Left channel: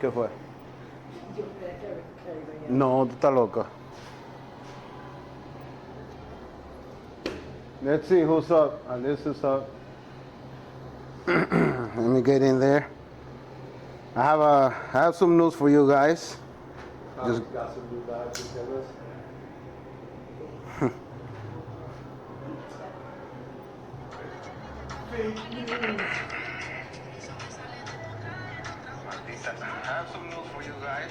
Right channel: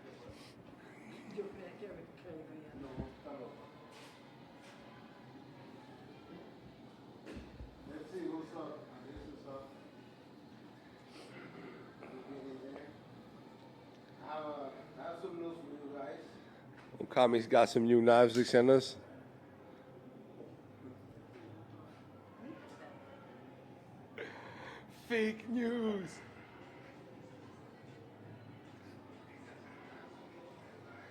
¿Qué fue? No, tú estás loca. Let's see who's up. This is up. Let me get in there. I have some news for you guys. Kami's got some new knives they sent us. I have some news for you guys.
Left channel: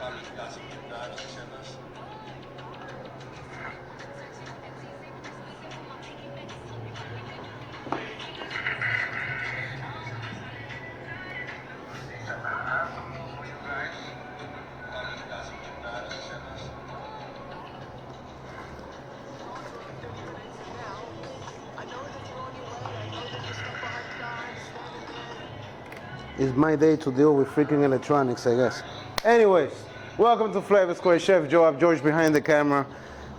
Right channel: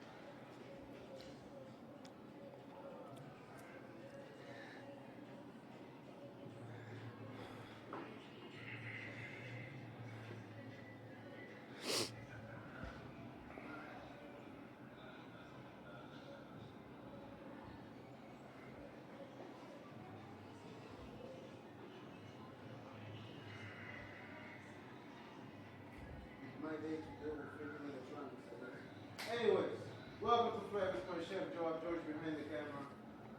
Kami's got some new knives they sent us. It's my day to deal with freaking electronics, I guess. Anyways, welcome to Flavor Square. Chef Joe, I'm George behind the camera.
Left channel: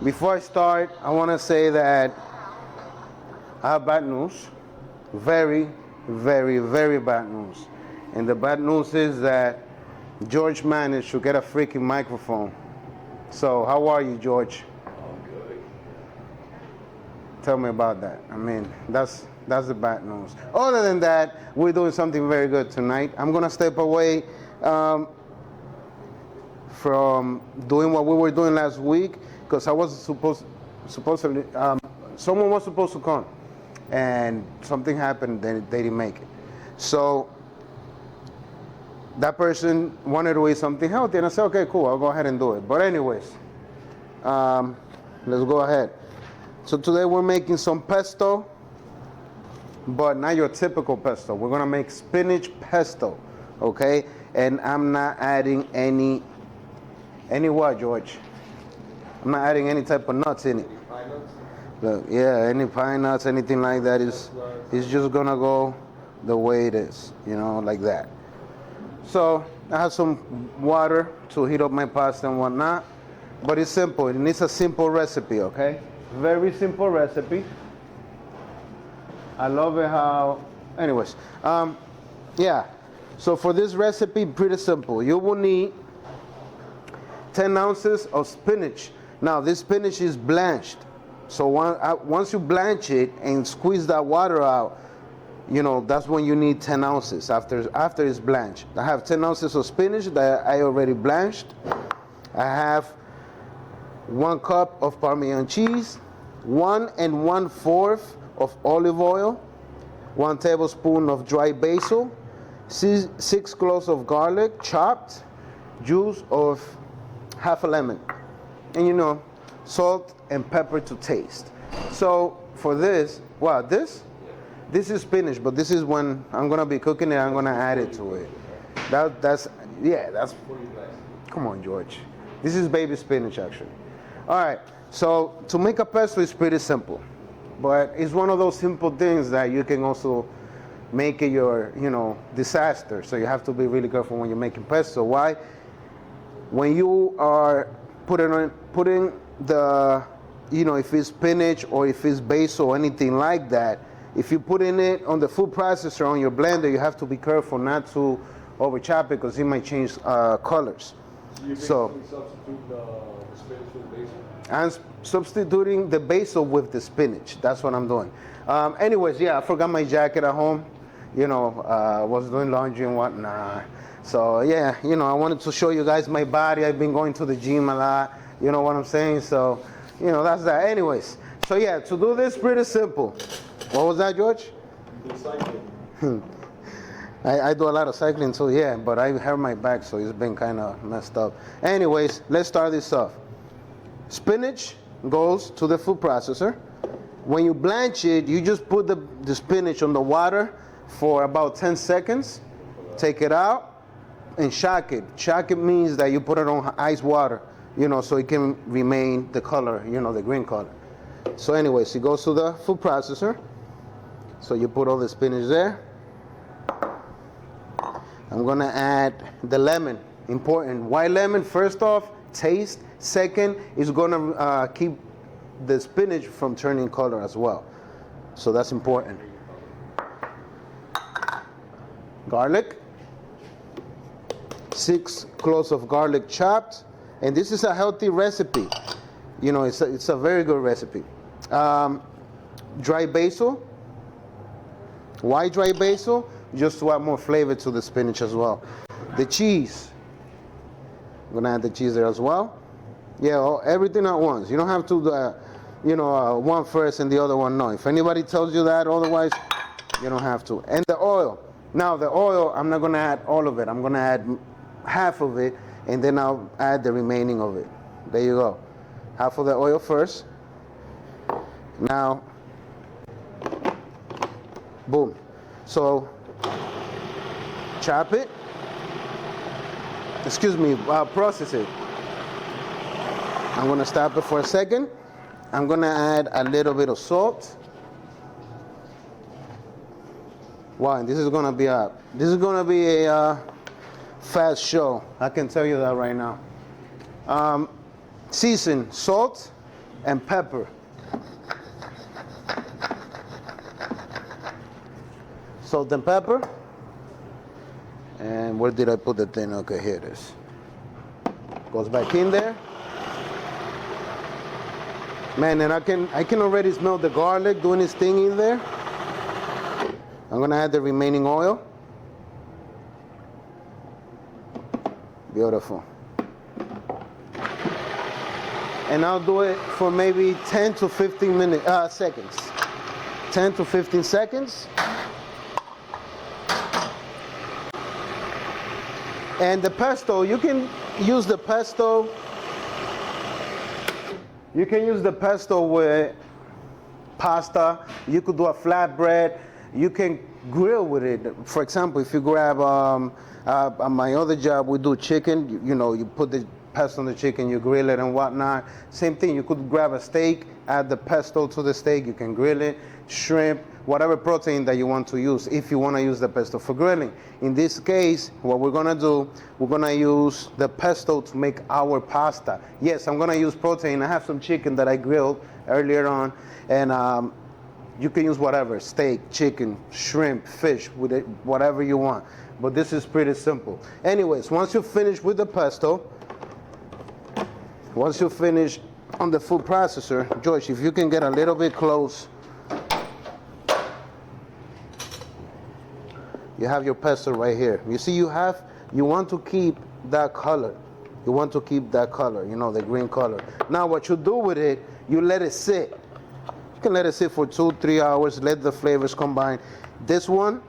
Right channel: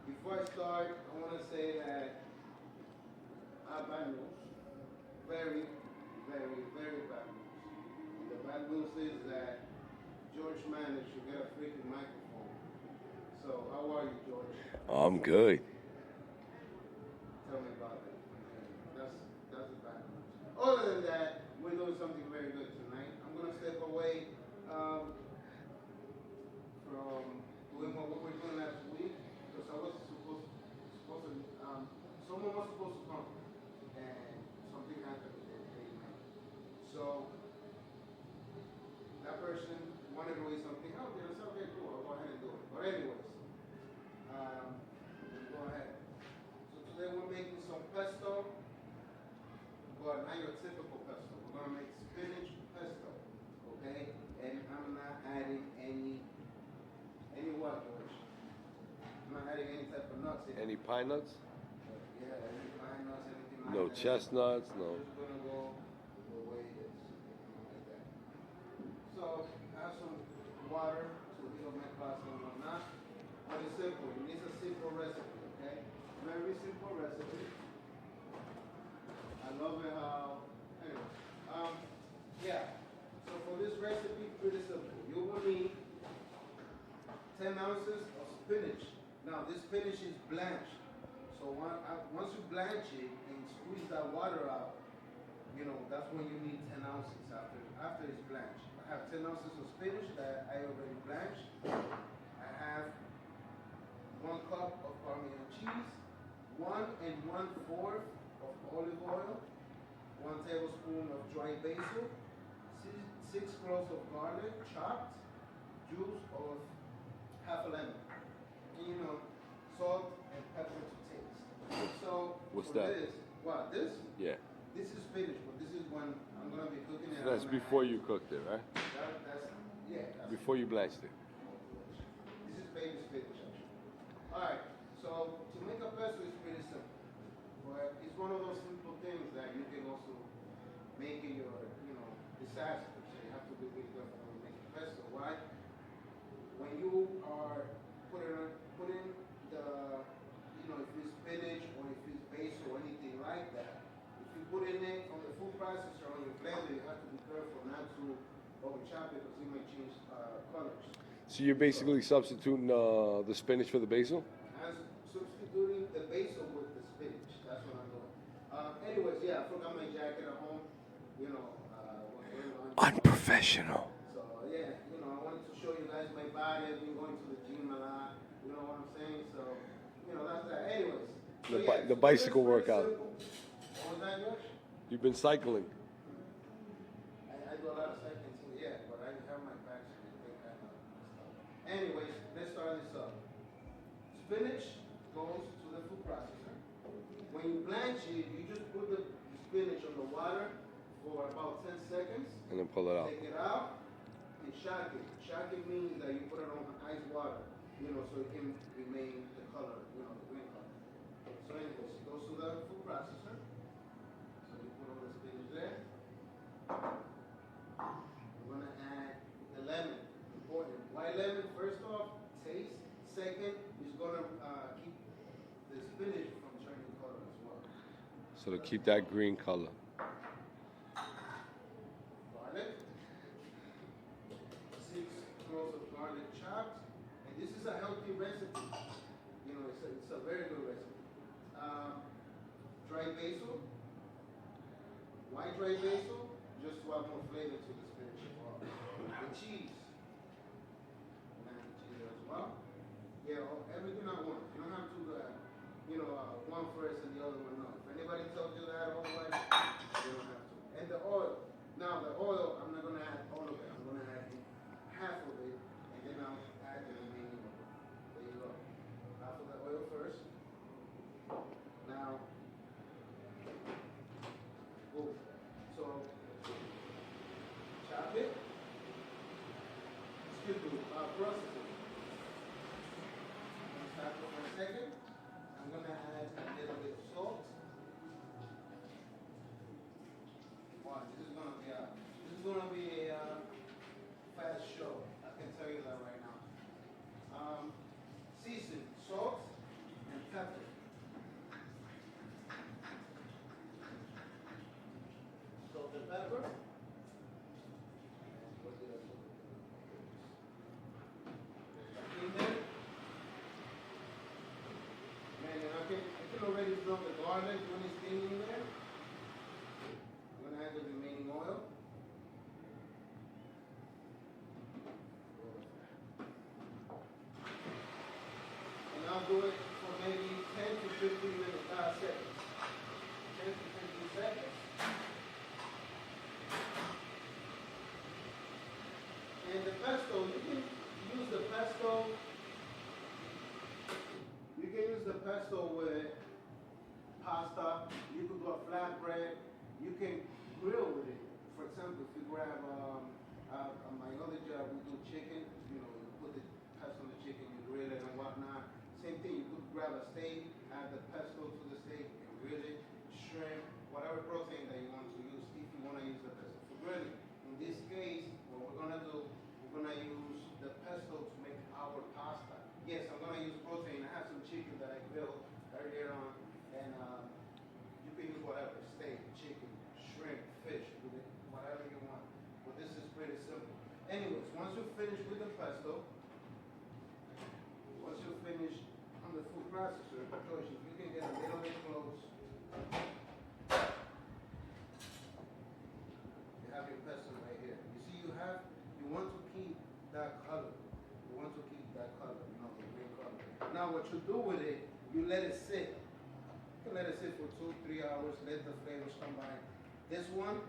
Before I start, I want to say that I have bad news. Very, very, very bad news. And the bad news is that George managed to get a freaking microphone. So, how are you, George? I'm good. Tell me about that. I mean, that's the bad news. Other than that, we're doing something very good tonight. I'm gonna step away from doing what we were doing last week because I was supposedly someone was supposed to come, and something happened. They didn't make it. So that person wanted to eat something healthy, and I said, okay, cool, I'll go ahead and do it. But anyways, let's go ahead. So today we're making some pesto, but not your typical pesto. We're gonna make spinach pesto, okay? And I'm not adding any what, George? I'm not adding any type of nuts in it. Any pine nuts? Yeah, any pine nuts, anything like that is it's just gonna go the way it is, you know, like that. So I have some water to heat up my pasta and whatnot, but it's simple. It needs a simple recipe, okay? Very simple recipe. I love it how, anyways, yeah. So for this recipe, pretty simple. You will need 10 ounces of spinach. Now this spinach is blanched. So once you blanch it and squeeze that water out, you know, that's when you need 10 ounces after it's blanched. I have 10 ounces of spinach that I already blanched. I have 1 cup of Parmesan cheese, 1 1/4 of olive oil, 1 tablespoon of dry basil, 6 cloves of garlic chopped, juice of half a lemon, and you know, salt and pepper to taste. So for this, what this? Yeah. This is spinach, but this is when I'm gonna be cooking it. I'm gonna add it to it. Right? That's Before you blast it. Come on, George. This is baby spinach, actually. All right. So to make a pesto is pretty simple, but it's one of those simple things that you can also make it your, you know, disaster. So you have to be really careful when you're making pesto. Why? When you are putting the, you know, if it's spinach or if it's basil or anything like that, if you put in it on the food processor on your blender, you have to be careful not to over chop it because it might change colors. So you're basically substituting the spinach for the basil? I'm substituting the basil with the spinach. That's what I'm doing. Anyways, yeah, I forgot my jacket at home. You know, was doing laundry and whatnot. So yeah, you know, I wanted to show you guys my body. I've been going to the gym a lot. You know what I'm saying? So, you know, that's that. Anyways, so yeah, to do this pretty simple. What was that, George? You've been cycling. I do a lot of cycling too, yeah, but I hurt my back, so it's been kind of messed up. Anyways, let's start this off. Spinach goes to the food processor. When you blanch it, you just put the spinach on the water for about 10 seconds, take it out, and shock it. Shock it means that you put it on ice water, you know, so it can remain the color, you know, the green color. So anyways, it goes to the food processor. So you put all the spinach there. I'm gonna add the lemon. Important. White lemon, first off, taste. Second, is gonna keep the spinach from turning color as well. So that's important. That green color. Garlic. 6 cloves of garlic chopped. And this is a healthy recipe. You know, it's a very good recipe. Dry basil, white dry basil, just to add more flavor to the spinach as well. The cheese, I'm gonna add the cheese there as well. Yeah, everything at once. You don't have to, one first and the other one no. If anybody tells you that otherwise, you don't have to. And the oil. Now the oil, I'm not gonna add all of it. I'm gonna add half of it, and then I'll add the remaining of it. There you go. Half of the oil first. Now, boom. So, chop it. Process it. I'm gonna stop it for a second. I'm gonna add a little bit of salt. Wow, and this is gonna be a fast show. I can tell you that right now. Season salt and pepper. Salt and pepper. And where did I put the thing? Okay, here it is. Goes back in there. Man, and I can already smell the garlic doing its thing in there. I'm gonna add the remaining oil. Beautiful. And I'll do it for maybe 10 to 15 seconds. 10 to 15 seconds. And the pesto, you can use the pesto. You can use the pesto with pasta. You could do a flatbread. You can grill with it. For example, if you grab on my other job, we do chicken. You put the pesto on the chicken, you grill it and whatnot. Same thing. You could grab a steak, add the pesto to the steak. You can grill it, shrimp, whatever protein that you want to use. If you want to use the pesto for grilling. In this case, what we're gonna do, we're gonna use the pesto to make our pasta. Yes, I'm gonna use protein. I have some chicken that I grilled earlier on, and you can use whatever, steak, chicken, shrimp, fish, with it, whatever you want. But this is pretty simple. Anyways, once you finish with the pesto, once you finish on the food processor, George, if you can get a little bit close, you have your pesto right here. You see, you want to keep that color. You want to keep that color, the green color. Now what you do with it, you let it sit. You can let it sit for 2-3 hours, let the flavors combine. This one,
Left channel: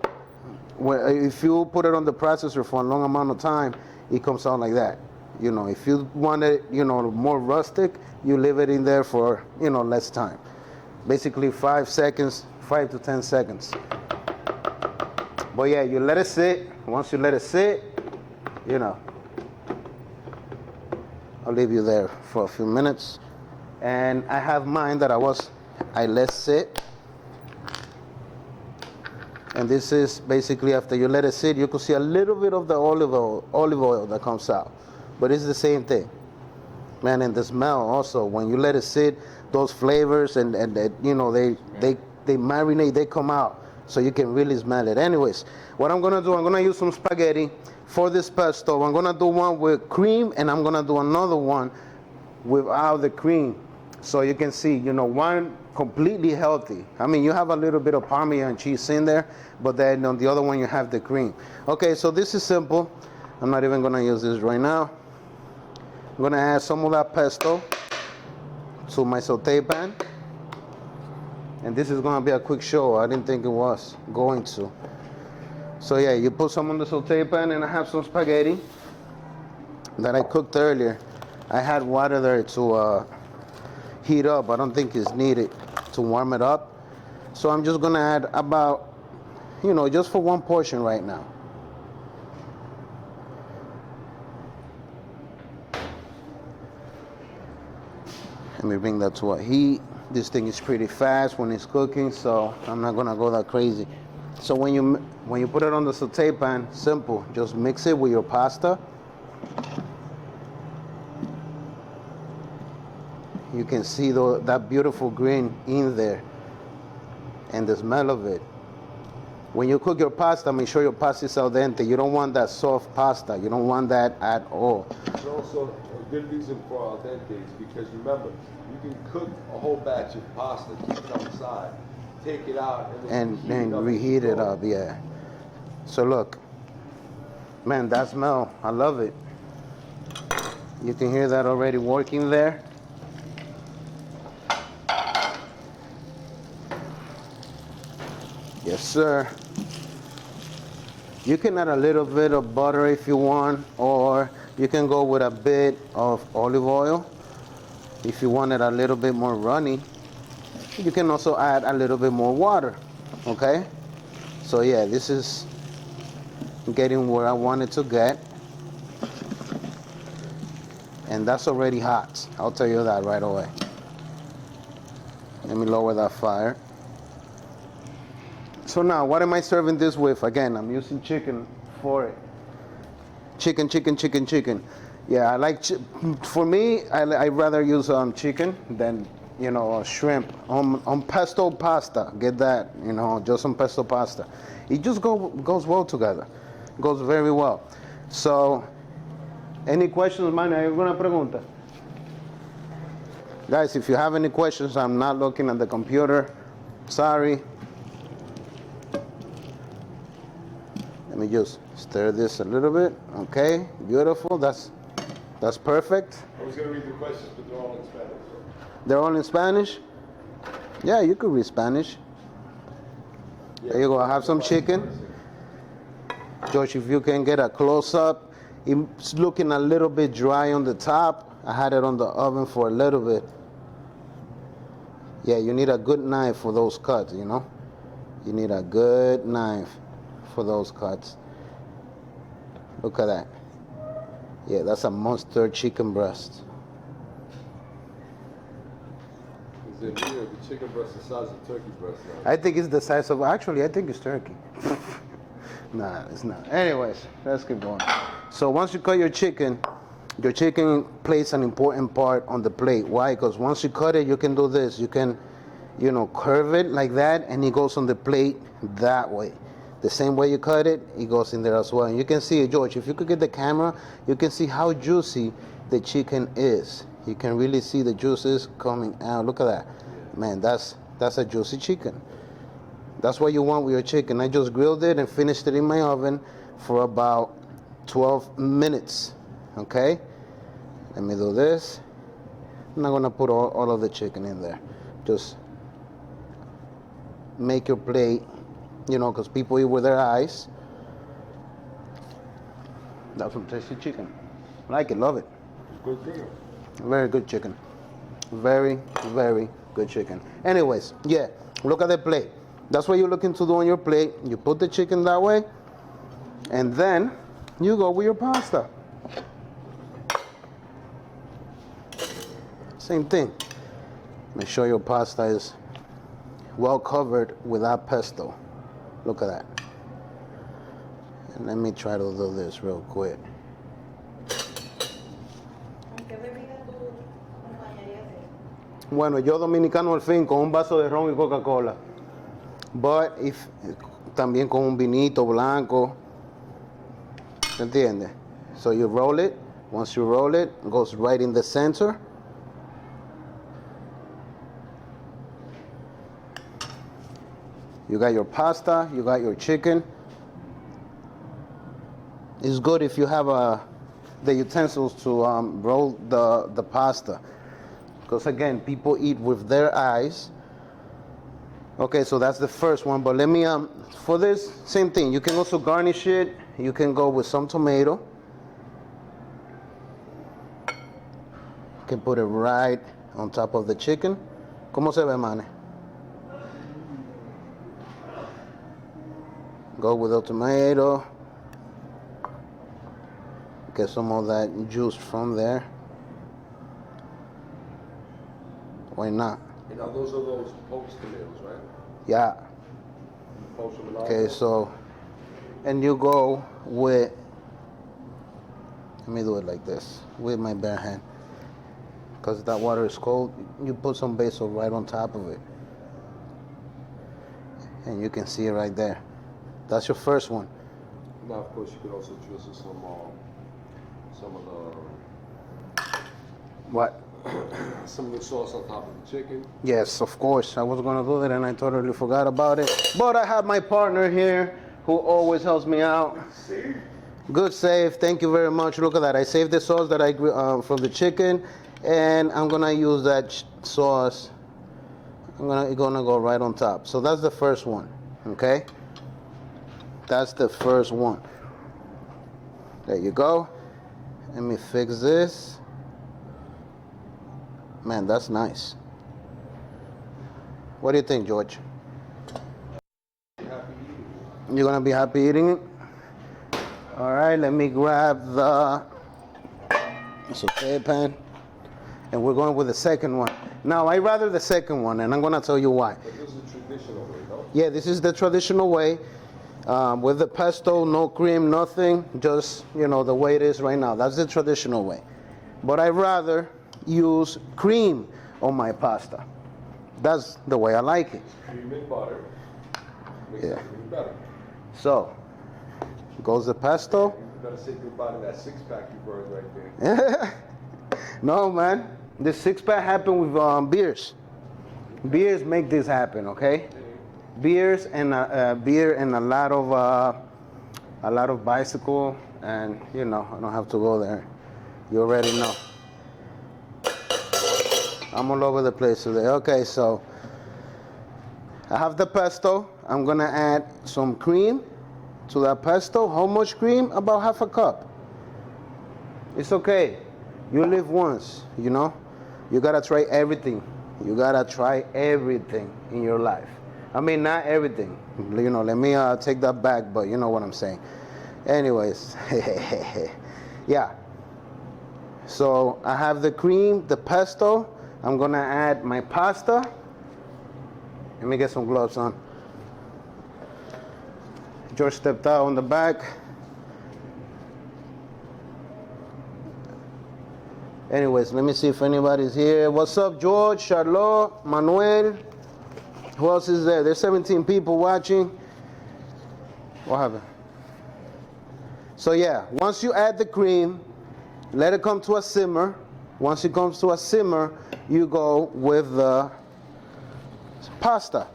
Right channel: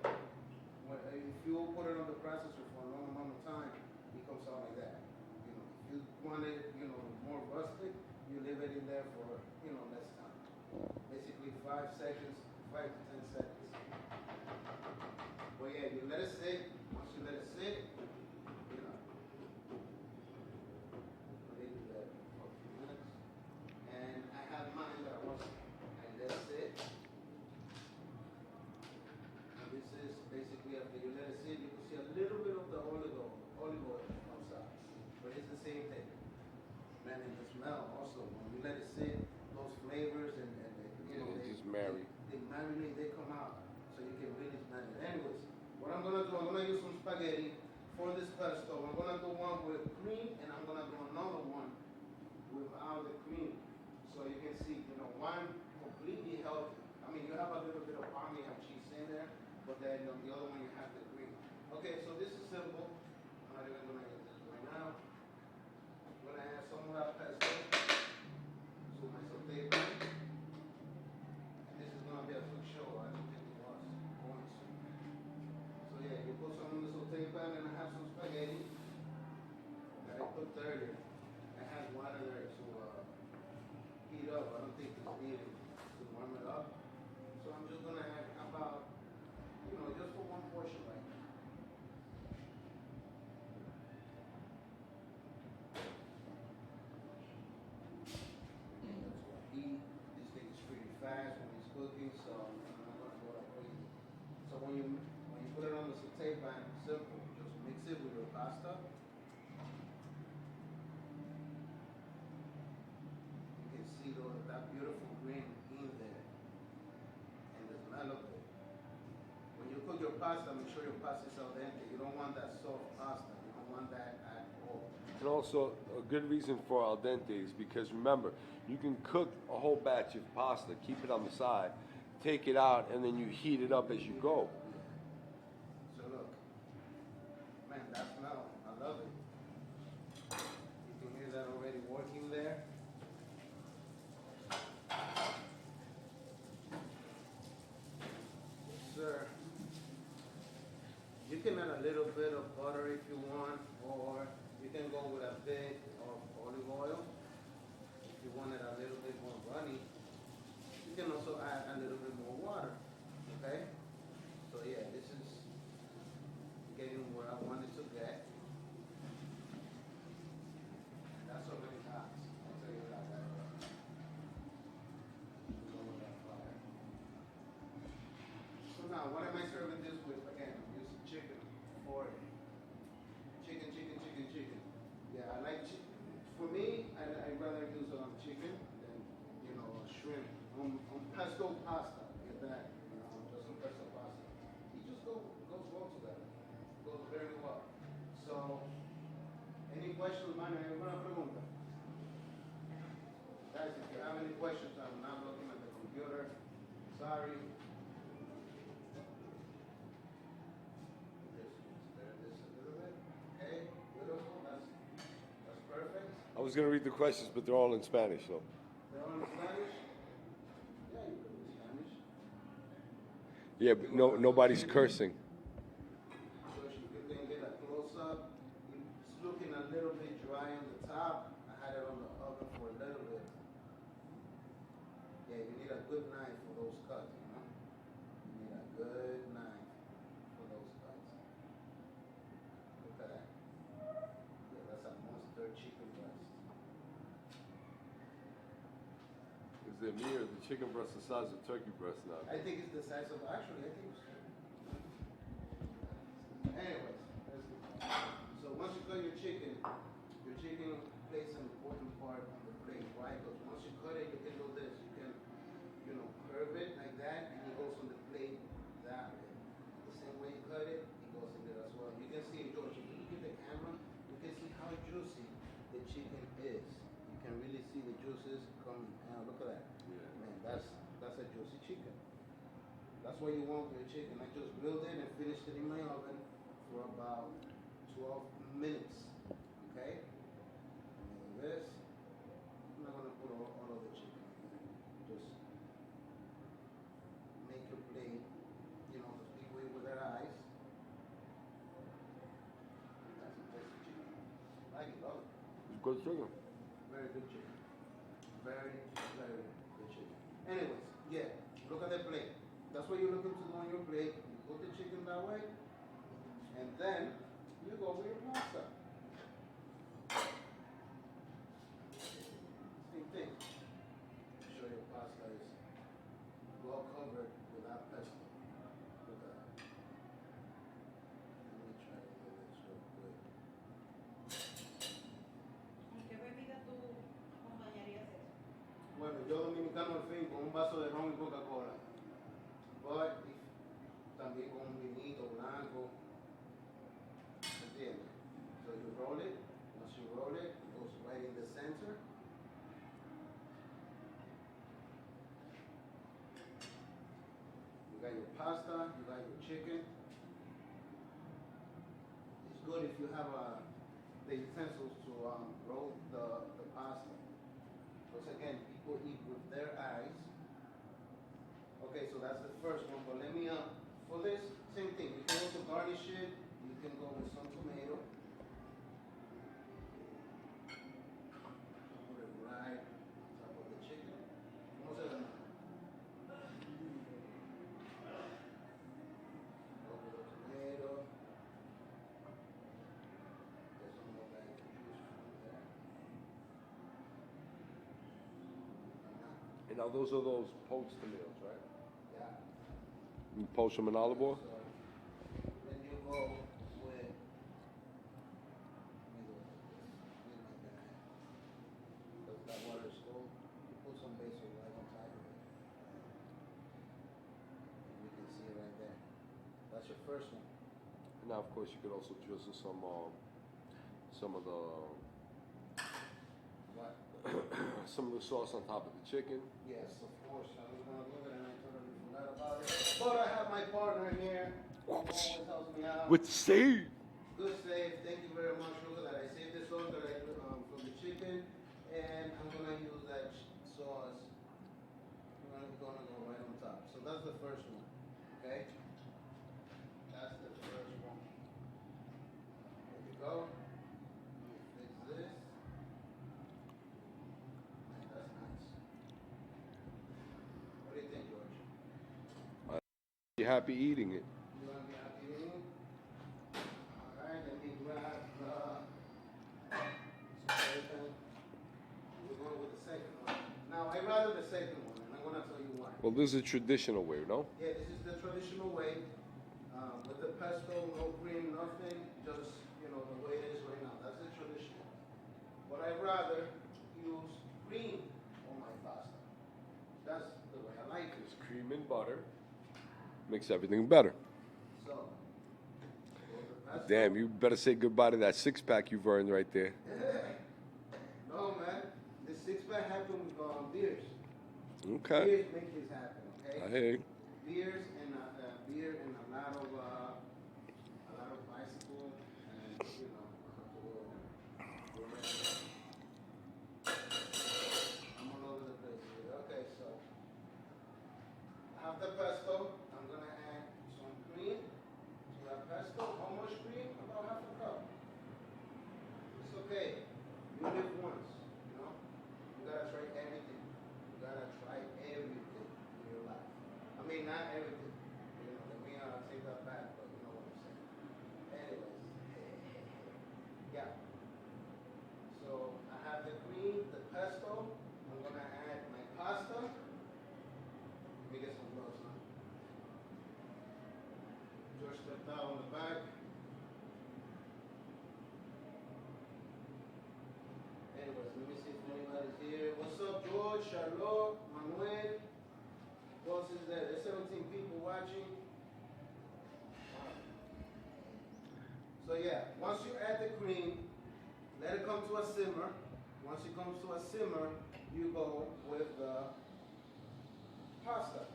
if you put it on the processor for a long amount of time, it comes out like that. If you want it, more rustic, you leave it in there for, less time. Basically 5 to 10 seconds. But yeah, you let it sit. Once you let it sit, I'll leave you there for a few minutes. And I have mine that I let sit. And this is basically after you let it sit, you can see a little bit of the olive oil that comes out. But it's the same thing. Man, and the smell also, when you let it sit, those flavors and they marinate, they come out. So you can really smell it. Anyways, what I'm gonna do, I'm gonna use some spaghetti for this pesto. I'm gonna do one with cream, and I'm gonna do another one without the cream. So you can see, one completely healthy. I mean, you have a little bit of Parmesan cheese in there, but then on the other one you have the cream. Okay, so this is simple. I'm not even gonna use this right now. I'm gonna add some of that pesto to my saute pan. And this is gonna be a quick show. I didn't think it was going to. So yeah, you put some on the saute pan, and I have some spaghetti that I cooked earlier. I had water there to heat up. I don't think it's needed to warm it up. So I'm just gonna add about, just for one portion right now. Let me bring that to a heat. This thing is pretty fast when it's cooking, so I'm not gonna go that crazy. So when you put it on the saute pan, simple, just mix it with your pasta. You can see that beautiful green in there, and the smell of it. When you cook your pasta, make sure your pasta is al dente. You don't want that soft pasta. You don't want that at all. And also, a good reason for al dente is because remember, you can cook a whole batch of pasta, keep it on the side, take it out, and then reheat it up. Yeah. So look, man, that smell, I love it. You can hear that already working there. Yes, sir. You can add a little bit of butter if you want, or you can go with a bit of olive oil. If you want it a little bit more runny, you can also add a little bit more water, okay? So yeah, this is getting where I want it to get. And that's already hot. I'll tell you that right away. Let me lower that fire. So now, what am I serving this with? Again, I'm using chicken for it. Chicken. Yeah, I like, for me, I rather use chicken than, shrimp. On pesto pasta, get that, just on pesto pasta. It just goes well together. Goes very well. So, any questions, man? ¿Hay alguna pregunta? Guys, if you have any questions, I'm not looking at the computer. Sorry. Let me just stir this a little bit. Okay, beautiful. That's perfect. I was going to read the questions, but they're all in Spanish. So. They're all in Spanish? Yeah, you could read Spanish. Yeah, there you go. I have some chicken. Cursing. George, if you can get a close-up. It's looking a little bit dry on the top. I had it on the oven for a little bit. Yeah, you need a good knife for those cuts, You need a good knife for those cuts. Look at that. Yeah, that's a monster chicken breast. Is it here, the chicken breast the size of turkey breast now? I think it's the size of, actually, I think it's turkey. Nah, it's not. Anyways, let's keep going. So once you cut your chicken plays an important part on the plate. Why? Because once you cut it, you can do this. You can, curve it like that, and it goes on the plate that way. The same way you cut it, it goes in there as well. And you can see it, George, if you could get the camera, you can see how juicy the chicken is. You can really see the juices coming out. Look at that. Man, that's a juicy chicken. That's what you want with your chicken. I just grilled it and finished it in my oven for about 12 minutes. Okay? Let me do this. I'm not gonna put all of the chicken in there. Just make your plate, because people eat with their eyes. That's some tasty chicken. Like it, love it. It's good chicken. Very good chicken. Very, very good chicken. Anyways, yeah, look at the plate. That's what you're looking to do on your plate. You put the chicken that way, and then you go with your pasta. Same thing. Make sure your pasta is well covered with that pesto. Look at that. And let me try to do this real quick. Bueno, yo dominicano al fin con un vaso de ron y Coca-Cola. But if también con un vinito blanco. ¿Se entiende? So you roll it. Once you roll it, it goes right in the center. You got your pasta, you got your chicken. It's good if you have the utensils to roll the pasta. Because again, people eat with their eyes. Okay, so that's the first one, but let me, for this, same thing. You can also garnish it. You can go with some tomato. You can put it right on top of the chicken. ¿Cómo se ve, mane? Go with the tomato. Get some of that juice from there. Why not? And now those are those poached tomatoes, right? Yeah. Poach them with olive Okay, oil? so, and you go with, let me do it like this, with my bare hand. Because that water is cold, you put some basil right on top of it. And you can see it right there. That's your first one. Now, of course, you could also drizzle some of What? some of the sauce on top of the chicken. Yes, of course. I was gonna do that and I totally forgot about it. But I have my partner here who always helps me out. With the save. Good save. Thank you very much. Look at that. I saved the sauce that I from the chicken, and I'm gonna use that sauce. I'm gonna go right on top. So that's the first one. Okay. That's the first one. There you go. Let me fix this. Man, that's nice. What do you think, George? Be happy eating it. You're gonna be happy eating it? All right, let me grab the saute pan, and we're going with the second one. Now, I rather the second one, and I'm gonna tell you why. But this is a traditional way, no? Yeah, this is the traditional way, with the pesto, no cream, nothing, just, you know, the way it is right now. That's the traditional way. But I rather use cream on my pasta. That's the way I like it. Cream and butter makes everything better. So, goes the pesto. Damn, you better say goodbye to that six-pack you've earned right there. No, man. This six-pack happened with beers. Okay. Beers make this happen, okay? Hey, Beers and beer and a lot of bicycle, and you know, I don't have to go there. You already know. I'm all over the place today. Okay, so I have the pesto. I'm gonna add some cream to that pesto. How much cream? About half a cup. It's okay. You live once, you know? You gotta try everything. You gotta try everything in your life. I mean, not everything. You know, let me take that back, but you know what I'm saying. Anyways, yeah. So I have the cream, the pesto. I'm gonna add my pasta. Let me get some gloves on. George stepped out on the back. Anyways, let me see if anybody's here. What's up, George, Charlotte, Manuel? Who else is there? There's 17 people watching. What happened? So yeah, once you add the cream, let it come to a simmer. Once it comes to a simmer, you go with the pasta.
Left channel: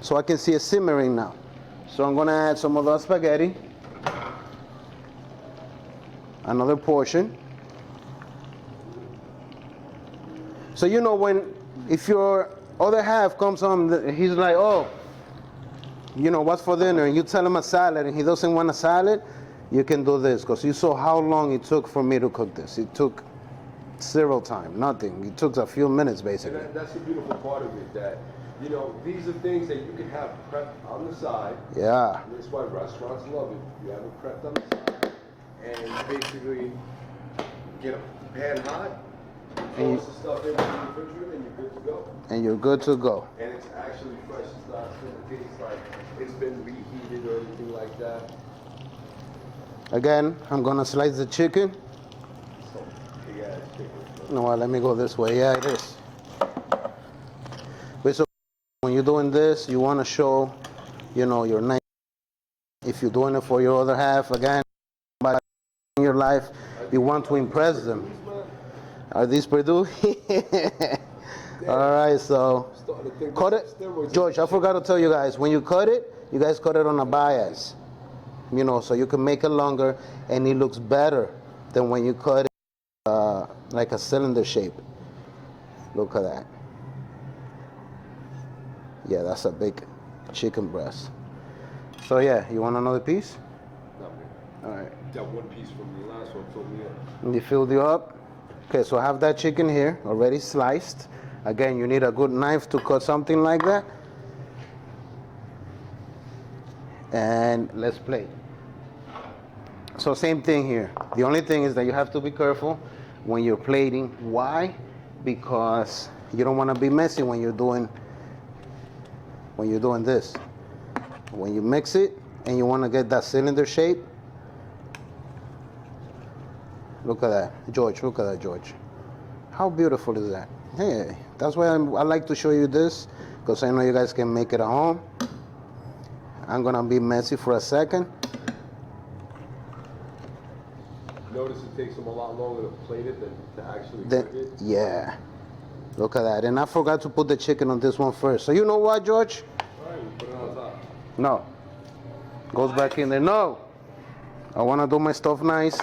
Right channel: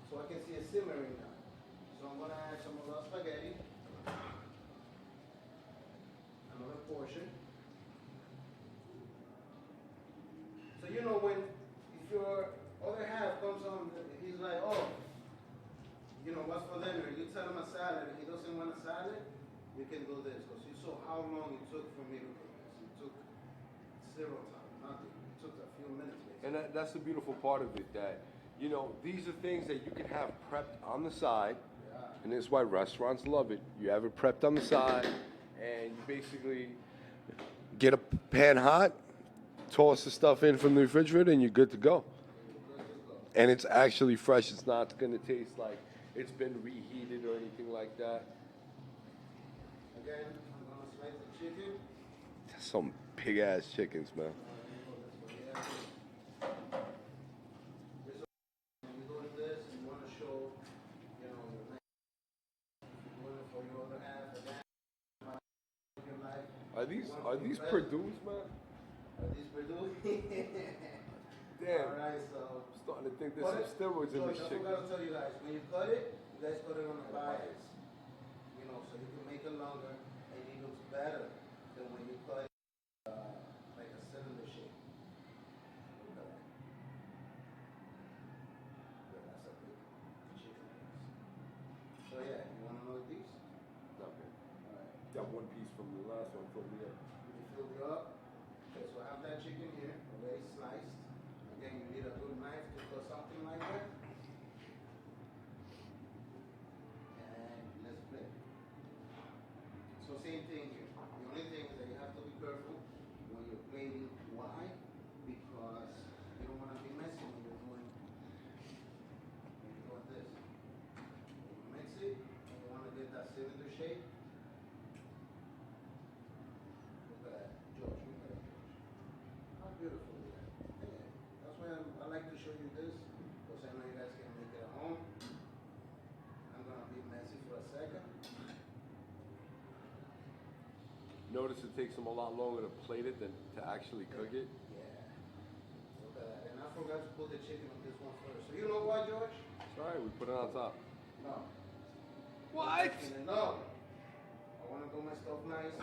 So I can see it simmering now. So I'm gonna add some of the spaghetti. Another portion. So you know if your other half comes home, he's like, oh, you know, what's for dinner? And you tell him a salad and he doesn't want a salad, you can do this. Because you saw how long it took for me to cook this. It took zero time, nothing. It took a few minutes, basically. and that's the beautiful part of it, that, you know, these are things that you can have prepped on the side. Yeah. And that's why restaurants love it. You have it prepped on the side, and basically get a pan hot, toss the stuff in from the refrigerator, and you're good to go. And you're good to go. And it's actually fresh. It's not going to taste like it's been reheated or anything like that. Again, I'm gonna slice the chicken. Some big ass chickens, man. No, let me go this way. Yeah, it is. But so when you're doing this, you want to show, you know, your nice. If you're doing it for your other half, again, by in your life, you want to impress them. Are these Purdue? All right, so cut it. George, I forgot to tell you guys, when you cut it, you guys cut it on a bias. You know, so you can make it longer and it looks better than when you cut it like a cylinder shape. Look at that. Yeah, that's a big chicken breast. So yeah, you want another piece? Not me. All right. That one piece from the last one filled me up. You filled you up? Okay, so I have that chicken here already sliced. Again, you need a good knife to cut something like that. And let's plate. So same thing here. The only thing is that you have to be careful when you're plating. Why? Because you don't want to be messy when you're doing this. When you mix it and you want to get that cylinder shape. Look at that, George. Look at that, George. How beautiful is that? Hey, that's why I like to show you this, because I know you guys can make it at home. I'm gonna be messy for a second. Notice it takes them a lot longer to plate it than to actually cook it. Yeah. Look at that. And I forgot to put the chicken on this one first. So you know what, George? All right, we put it on top. No. Goes back in there. No. I want to do my stuff nice.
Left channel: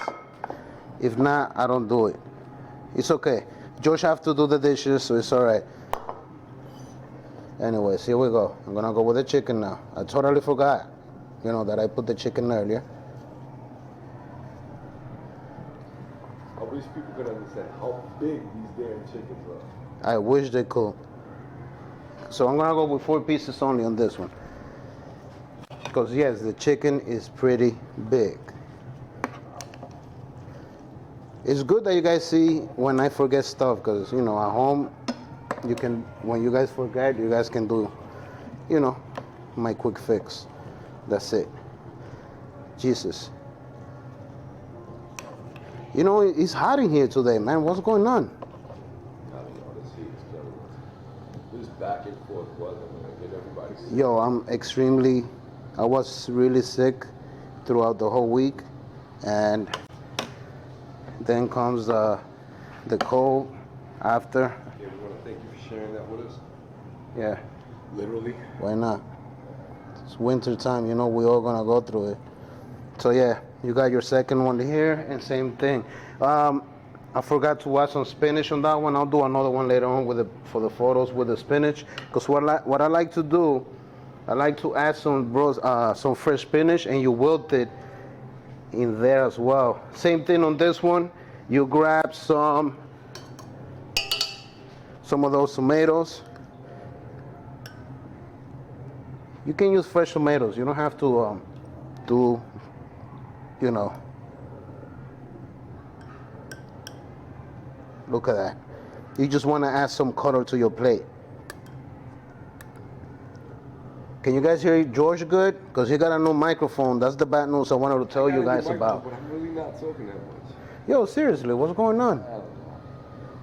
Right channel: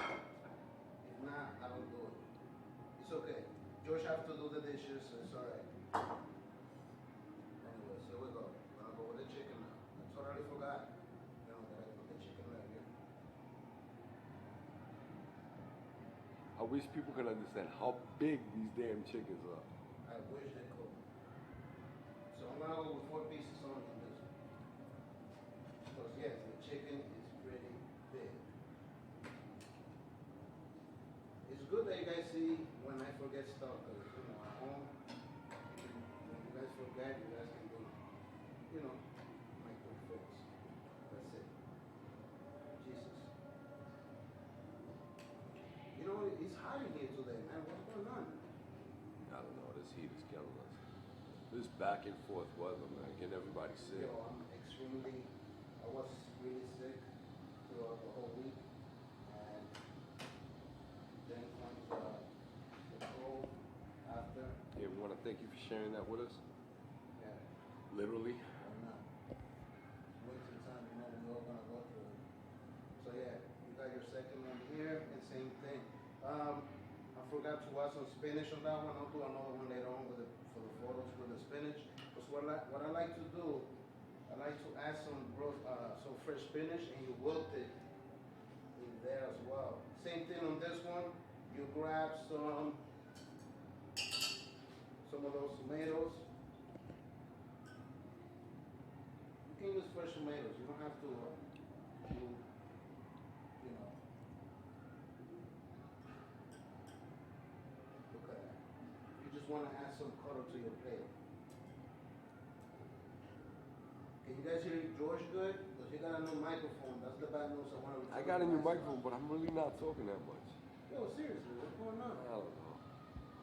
If not, I don't do it. It's okay. George have to do the dishes, so it's all right. Anyways, here we go. I'm going to go with the chicken now. I totally forgot, that I put the chicken earlier. I wish people could understand how big these damn chickens are. I wish they could. So I'm going to go with 4 pieces only on this one. Because, yes, the chicken is pretty big. It's good that you guys see when I forget stuff, because, at home, when you guys forget, you guys can do, my quick fix. That's it. Jesus. It's hot in here today, man. What's going on? I don't know, this heat is killing us. This back and forth weather, man, get everybody sick. Yo, I was really sick throughout the whole week, and then comes the cold after. Yeah, we want to thank you for sharing that with us. Yeah. Literally. Why not? It's winter time, we all gonna go through it. So yeah, you got your second one here, and same thing. I forgot to add some spinach on that one. I'll do another one later on for the photos with the spinach. Because what I like to do, I like to add some fresh spinach, and you wilt it in there as well. Same thing on this one. You grab some of those tomatoes. You can use fresh tomatoes. You don't have to do, Look at that. You just want to add some color to your plate. Can you guys hear George good? Because he got a new microphone. That's the bad news I wanted to tell you guys about. But I'm really not talking that much. Yo, seriously, what's going on? I don't know.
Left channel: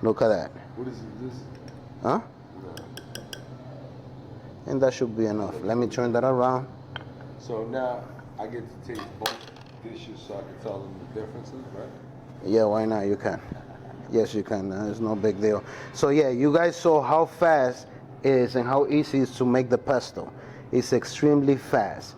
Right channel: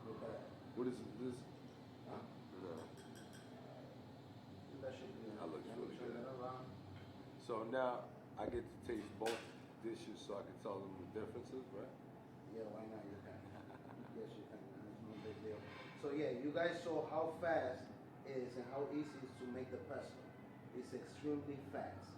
Look at that. What is this? Huh? No. And that should be enough. Let me turn that around. So now I get to taste both dishes so I can tell them the differences, right? Yeah, why not? You can. Yes, you can. It's no big deal. So yeah, you guys saw how fast it is and how easy it is to make the pesto. It's extremely fast.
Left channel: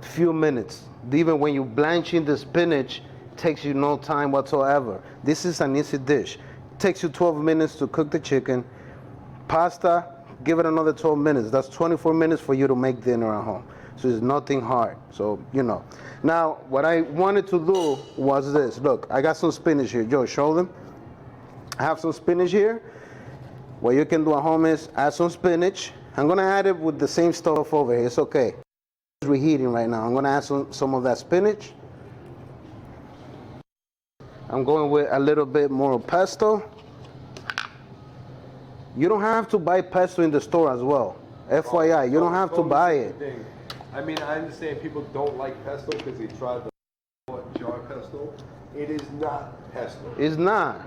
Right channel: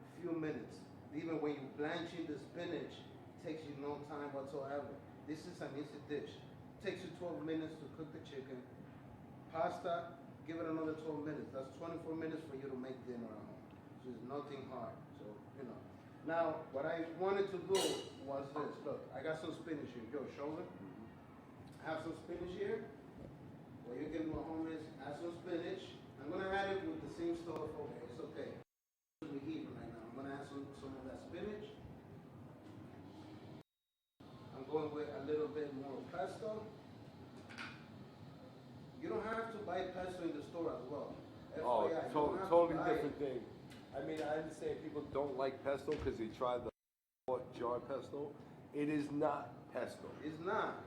Few minutes. Even when you blanching the spinach, takes you no time whatsoever. This is an easy dish. Takes you 12 minutes to cook the chicken. Pasta, give it another 12 minutes. That's 24 minutes for you to make dinner at home. So it's nothing hard. So, Now, what I wanted to do was this. Look, I got some spinach here. Joe, show them. I have some spinach here. What you can do at home is add some spinach. I'm going to add it with the same stuff over here. It's okay. It's reheating right now. I'm going to add some of that spinach. I'm going with a little bit more pesto. You don't have to buy pesto in the store as well. FYI, you don't have to buy it. I mean, I understand people don't like pesto because they tried the jar pesto. It is not pesto. It's not.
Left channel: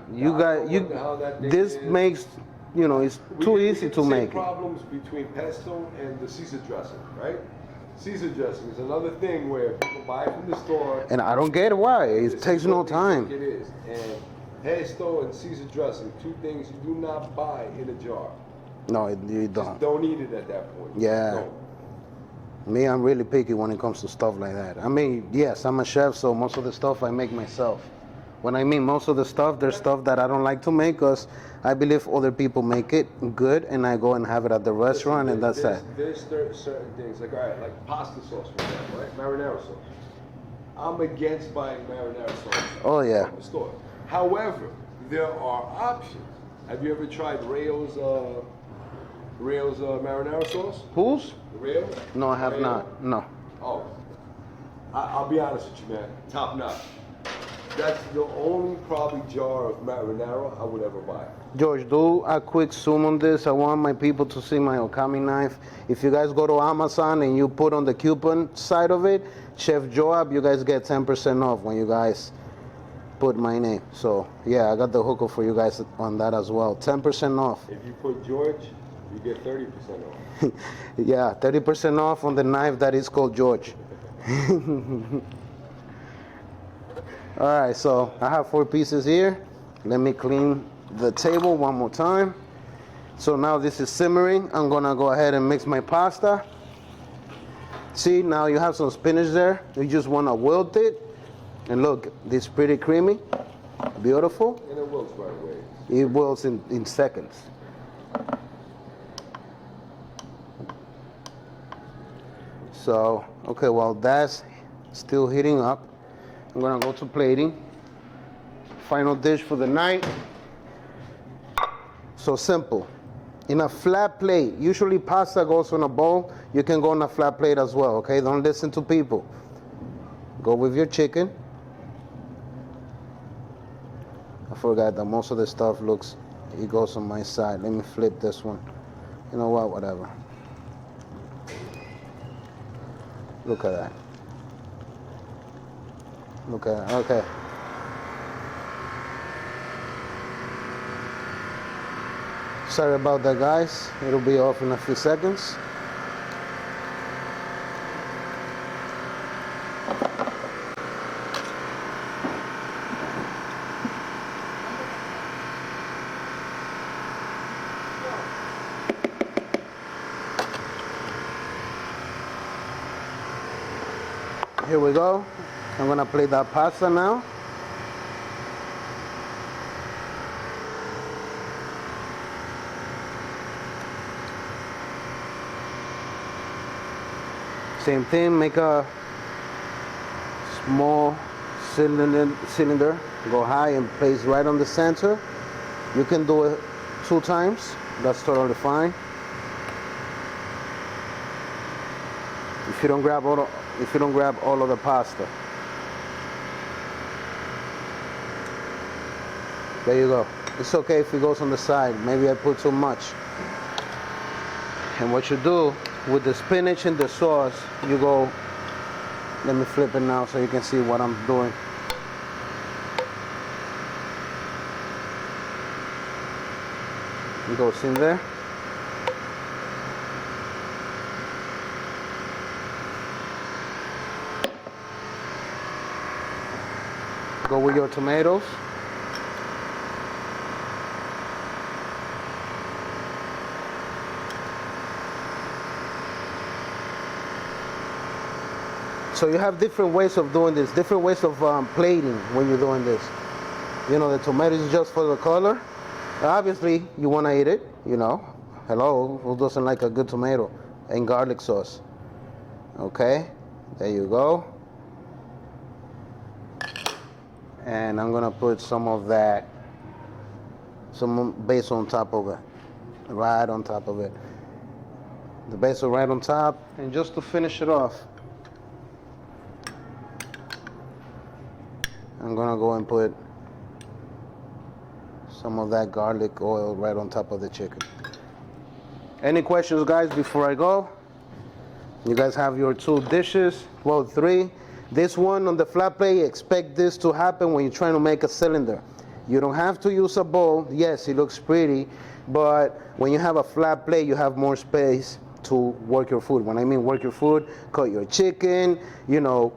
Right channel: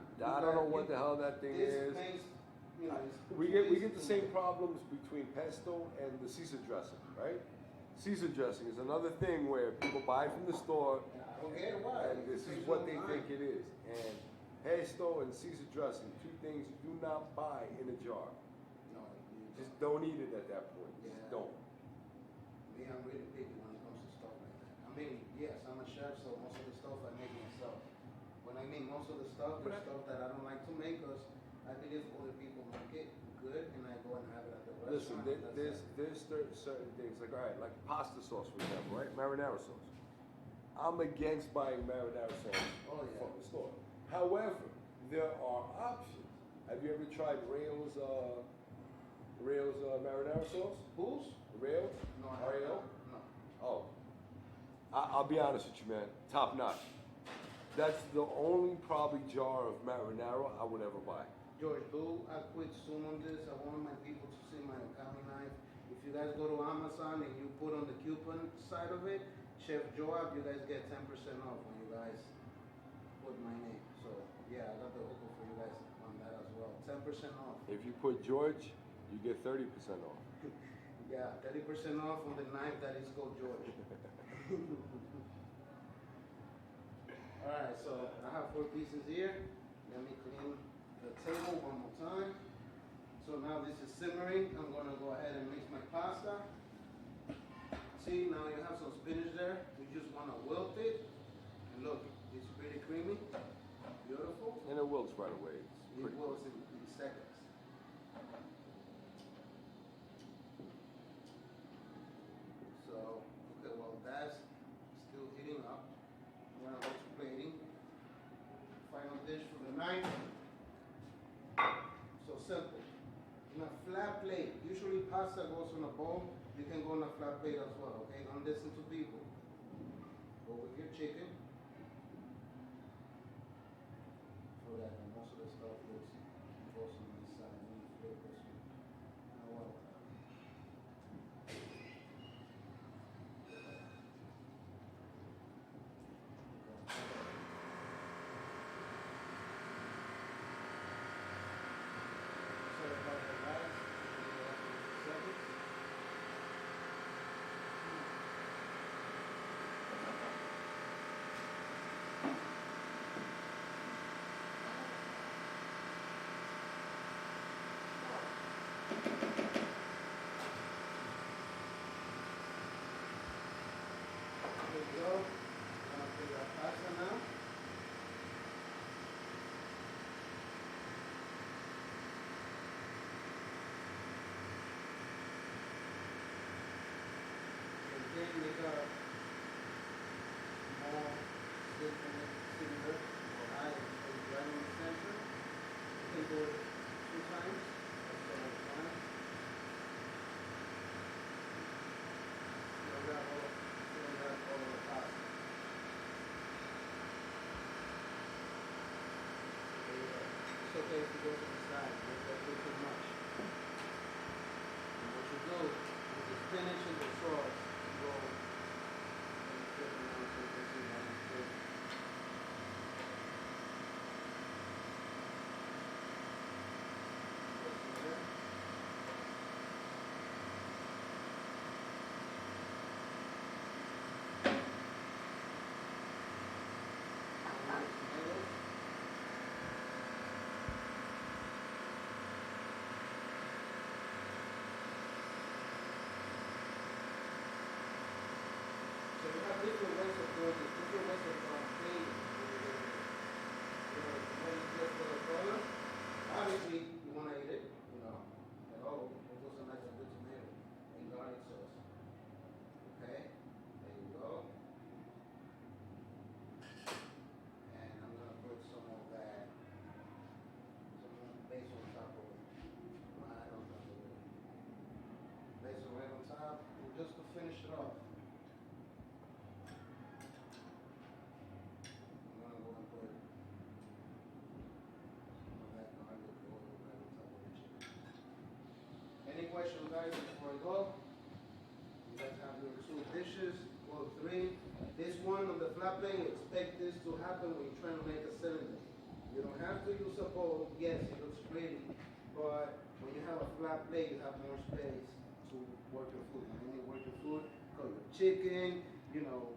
This makes, it's too easy to make it. Problems between pesto and the Caesar dressing, right? Caesar dressing is another thing where people buy it from the store. And I don't get why. It takes no time. It is. And pesto and Caesar dressing, two things you do not buy in a jar. No, you don't. Just don't eat it at that point. Yeah. Don't. Me, I'm really picky when it comes to stuff like that. I mean, yes, I'm a chef, so most of the stuff I make myself. When I mean most of the stuff, there's stuff that I don't like to make because I believe other people make it good, and I go and have it at the restaurant, and that's it. There's certain things, like, all right, like pasta sauce, for example, right? Marinara sauce. I'm against buying marinara sauce from the store. However, there are options. Have you ever tried Rayo's marinara sauce? Whose? Rayo? No, I have not. No. Oh. I'll be honest with you, man. Top notch. That's the only probably jar of marinara I would ever buy. George, do a quick zoom on this. I want my people to see my okami knife. If you guys go to Amazon and you put on the coupon side of it, Chef Joab, you guys get 10% off when you guys put my name. So yeah, I got the hookup for you guys on that as well. 10% off. If you put George You get 30% off. Yeah, 30% off on the knife that is called George. All right, so I have 4 pieces here. Let me clean the table one more time. So now this is simmering. I'm gonna go ahead and mix my pasta. See, now you have some spinach there. You just wanna wilt it. And look, this is pretty creamy, beautiful. And it wilts right away. It wilts in seconds. So, okay, while that's still heating up, I'm gonna go to plating. Final dish for the night. So simple. In a flat plate, usually pasta goes on a bowl. You can go on a flat plate as well, okay? Don't listen to people. Go with your chicken. I forgot that most of the stuff it goes on my side. Let me flip this one. You know what, whatever. Look at that. Look at that, okay. Sorry about that, guys. It'll be off in a few seconds. Here we go. I'm gonna plate that pasta now. Same thing, make a small cylinder, go high and place right on the center. You can do it 2 times, that's totally fine. If you don't grab all of the pasta. There you go. It's okay if it goes on the side. Maybe I put too much. And what you do with the spinach and the sauce, you go, let me flip it now so you can see what I'm doing. It goes in there. Go with your tomatoes. So you have different ways of doing this, different ways of plating when you're doing this. You know, the tomato is just for the color. Obviously, you want to eat it, you know. Hello, who doesn't like a good tomato and garlic sauce? Okay, there you go. And I'm gonna put some of that, some basil on top of it, right on top of it. The basil right on top, and just to finish it off, I'm gonna go and put some of that garlic oil right on top of the chicken. Any questions, guys, before I go? You guys have your 2 dishes, well, 3. This one on the flat plate, expect this to happen when you're trying to make a cylinder. You don't have to use a bowl. Yes, it looks pretty, but when you have a flat plate, you have more space to work your food. When I mean work your food, cut your chicken, you know,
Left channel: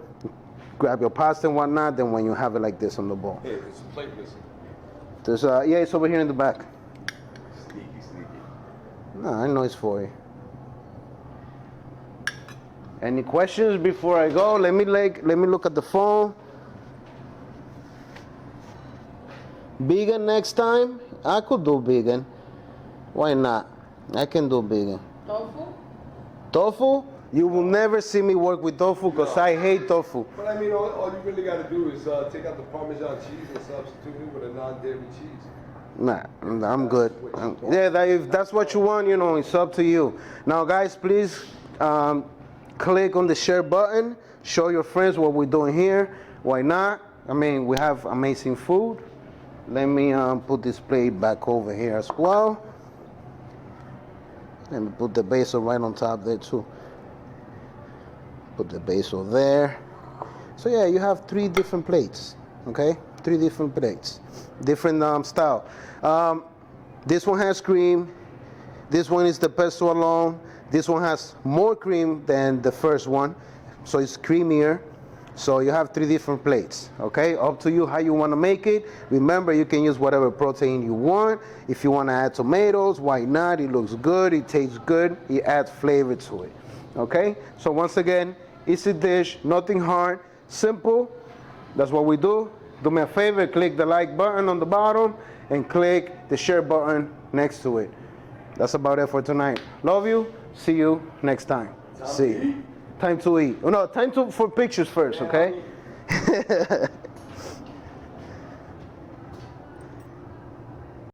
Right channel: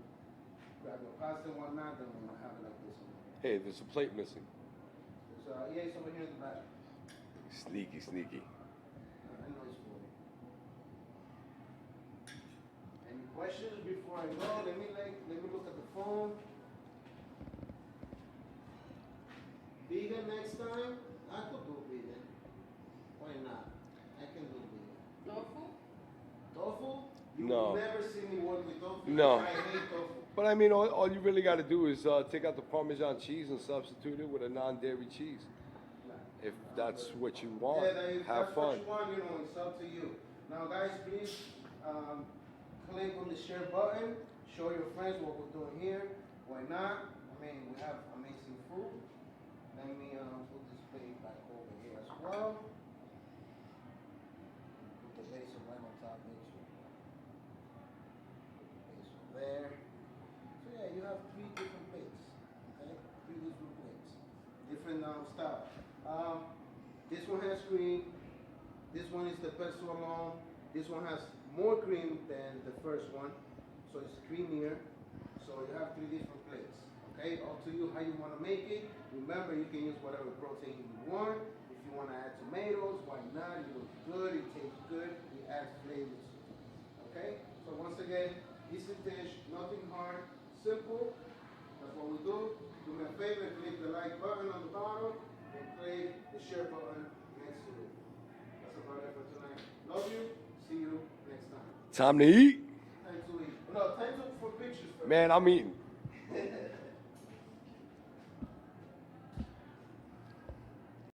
grab your pasta and whatnot, then when you have it like this on the bowl. Hey, there's a plate missing. There's yeah, it's over here in the back. Sneaky. No, I know it's for you. Any questions before I go? Let me look at the phone. Vegan next time? I could do vegan. Why not? I can do vegan. Tofu? Tofu? You will never see me work with tofu because I hate tofu. But I mean, all you really got to do is take out the Parmesan cheese and substitute it with a non-dairy cheese. Nah, I'm good. If that's what you want, you know, it's up to you. Now, guys, please click on the share button. Show your friends what we're doing here. Why not? I mean, we have amazing food. Let me put this plate back over here as well. Let me put the basil right on top there too. Put the basil there. So yeah, you have 3 different plates, okay? 3 different plates, different style. This one has cream. This one is the pesto alone. This one has more cream than the first one, so it's creamier. So you have 3 different plates, okay? Up to you how you want to make it. Remember, you can use whatever protein you want. If you want to add tomatoes, why not? It looks good, it tastes good, it adds flavor to it, okay? So once again, easy dish, nothing hard, simple. That's what we do. Do me a favor, click the like button on the bottom and click the share button next to it. That's about it for tonight. Love you. See you next time. Time to eat? Time to eat. Oh, no, for pictures first, Man, okay? I'm eating.